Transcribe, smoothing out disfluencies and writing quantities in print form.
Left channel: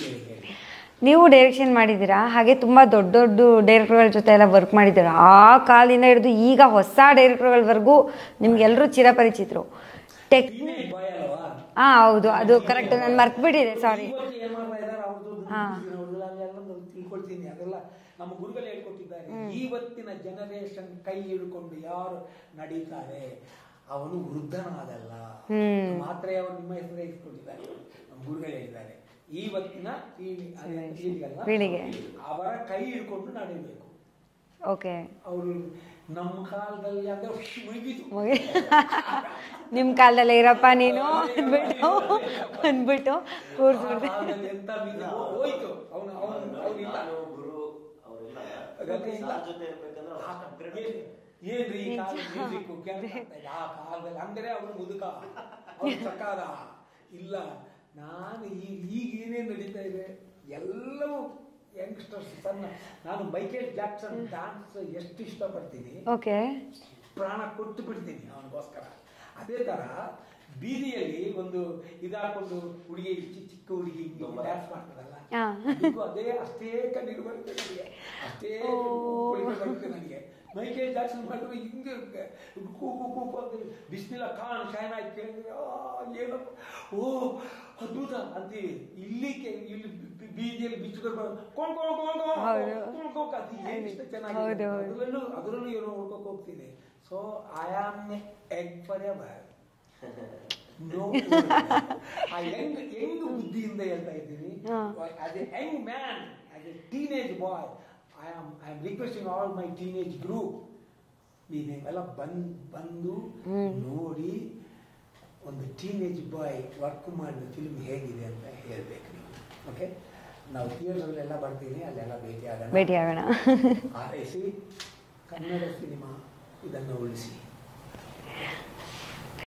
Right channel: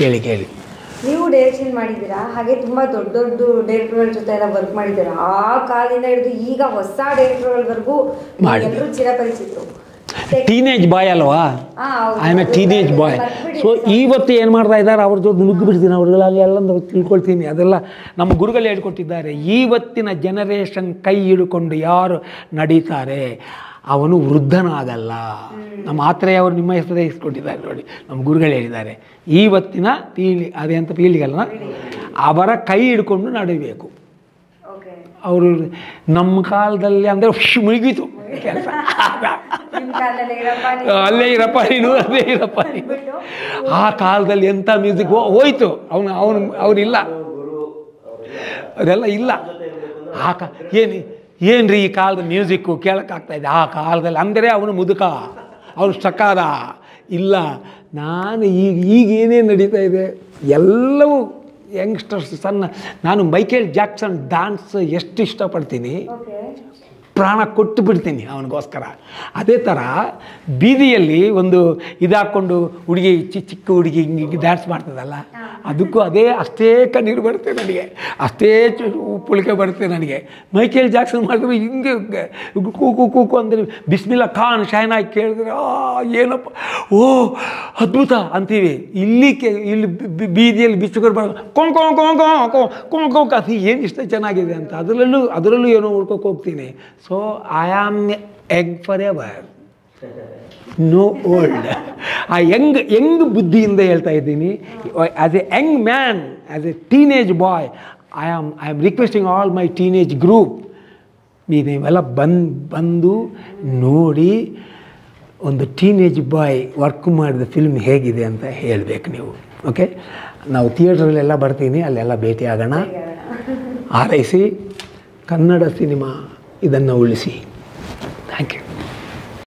ಕೇಳಿ ಕೇಳಿ. ನೀವು ಡೈರೆಕ್ಷನ್ ಮಾಡಿದ್ದೀರಾ, ಹಾಗೆ ತುಂಬ ದೊಡ್ಡ ದೊಡ್ಡ ಡೈರೆಕ್ಟರ್ಗಳ ಜೊತೆ ಎಲ್ಲ ವರ್ಕ್ ಮಾಡಿದ್ದೀರಾ. ಆ ಕಾಲದಿಂದ ಹಿಡಿದು ಈಗ ಹೊಸ ಡೈರೆಕ್ಟರ್ಗಳವರೆಗೂ ಎಲ್ಲರೂ ಚಿರಪರಿಚಿತರು. ಟೀನೇಜ್ ಬಾಯ್ ಅಲ್ವಾ, I am a teenage boy. So ಇವತ್ತು ಏನು ಮಾಡ್ತಾ ಇದ್ದಾರೆ ಅವ್ರ ಜೊತೆ ನುಗ್ಗಿ ಬಿಡ್ತೀನಿ, ಅವ್ರಿಗೆಲ್ಲ ಎಲ್ಲ ತಿಳ್ಕೊಳ್ತೀನಿ. ಅದೆಲ್ಲ ನಮ್ಮ ಗುರುಗಳು ಹೇಳ್ಕೊಟ್ಟಿದ್ದಾರೆ. ಇವತ್ತಿನ ಜನರೇಷನ್ ಕೈ ಹಿಡ್ಕೊಂಡು ಯಾರು ನಡೀತಾರೆ ಅವನು ವೃದ್ಧನಾಗಲ್ಲ. ನಮ್ಮ ಆತ್ರೇಯ ಅವರು ನಿಮ್ಮ ಹೆಸರೇ ಇಸ್ಕೊಟ್ಟಿದ್ದಾರೆ ನೋಡಿ, ನಮ್ಮ ಗುರುಗಳು ಹೇಳಿದ್ದಾರೆ. ಇವತ್ತಿನ ಪೀಳಿ ಅದೇ ಅಂತ ಪೀಳಿಗೆಲ್ಲ ಅವರ ಕೈ ಹಿಡ್ಕೊಂಡು ನಡೀಬೇಕು. ಅವರು ನಮ್ಮ ಕಾಲದಲ್ಲಿ ಅಂದರೆ ಮುಗಿತು, ಅಲ್ಲೇ ಇರಪ್ಪ ನೀನು, ಅಲ್ಲೇ ಇರಪ್ಪ. ಆ ಕಾಲದಲ್ಲಿ ಎಂಥ ಮ್ಯೂಸಿಕ್ ಹೋಯ್ತು, ಅವನಿಲ್ಲ, ಅದೆಲ್ಲ ಇಲ್ಲ. ಏನ್ರಿ ಈ ಕಾಲದ ಮ್ಯೂಸಿಕ್ಕು ಕೇಳೋಕ್ಕಾಗ್ತಾಯಿದೆ. ಆ ಕಾಲದಲ್ಲಿ ಅಂದರೆ ಅವನು ಮುದುಕ, ಅವನು ಸಕಾದ ಇಲ್ಲ. ನಾನು ಈಗ ಏನೇನು ನಡೀತಾ ಇದೆ ಎಲ್ಲವೂ ಯಂಗ್ಸ್ಟರ್ಸ್ ನಾನು ಮೈಕೇಲ್ ಜಾಕ್ಸನ್ ಡ್ಯಾನ್ಸ್ ಎಷ್ಟು ಇಷ್ಟಪಡ್ತೀನಿ, ಪ್ರಾಣ ಕೊಟ್ಟು ಬಿಡ್ತೀನಿ ಅವನಿಗೋಸ್ಕರ. ಅದೇ ಥರ ಬೀದಿಯಲ್ಲಿ ಒಂದು ಇದಾಕ್ಕೊಂಡು ಹುಡುಗಿ ಚಿಕ್ಕ ಹುಡುಗಿ ಹಿಂಗೆ ಡ್ಯಾನ್ಸ್ ಮಾಡ್ತದಲ್ಲ, ಅದಕ್ಕೂ ಅಷ್ಟೇ ಕಣ್ಣೀರು ಬರುತ್ತೆ ನನಗೆ, ಅಷ್ಟೇ ಪುಳಿಕೆ ಬರುತ್ತೆ ನನಗೆ. ಮೈಕೇಲ್ ಜಾಕ್ಸನ್ ಮಾಡಿದ್ರೆ ಹಿಂಗೆ ಕೂಕು ಕೂಕು ಅಂದರೆ ಬಿಸ್ಮಿಲ್ಲಾ ಖಾನ್ ಶಹನಾಯಿ ಕೇಳಿದ್ರೆ ಏನಪ್ಪ ಓ ಅದ್ಭುತ ಅಂತೀವಿ. ಇಲ್ಲಿ ಬೀದಿಯಲ್ಲಿ ಬಿಚ್ಚುಗರು ಬರೋ ಕೊಂಕೊಂಕೊಂಕೊಂಕೊಂಕೊಂಕೊಂಕ ಅದು ಏನು ಇಷ್ಟ ಚೆನ್ನಾಗಿದೆ ಅಂತ ಅದರಲ್ಲೂ ಏನೋ ಹುಡ್ಕೋಕೆ ಹೋಗ್ತೀನಿ. So I am egg forever, no old. ಆ ಯಂಗ್ ಬುದ್ಧಿಯಿಂದ ಹೇಳ್ತಾ ಇದ್ದೀನಿ. As a young man, as a teenage boy, I am requesting all my teenage group, ನೀವೆಲ್ಲ ಬಂದು ನೋಡಿ ಒಂದು ಟೀನೇಜ್ ಬಾಯ್ ವರ್ಕ್ ಮಾಡಿದ ಫಿಲ್ಮ್ ಹೇಗಿದೆ ಅಂತ ಹೇಳಬೇಕು ನೀವು. ಓಕೆ, ನಾವು ಥಿಯೇಟ್ರಲ್ಲೆಲ್ಲ ಬರ್ತೀನಿ, ಅಲ್ಲೆಲ್ಲ ಭೇಟಿ ಆಗೋಣ. ಹಾರೈಸಿ ಕನ್ನಡ ಸಿನಿಮಾ ಇದನ್ನು ಉಳಿಸಿ. Thank you.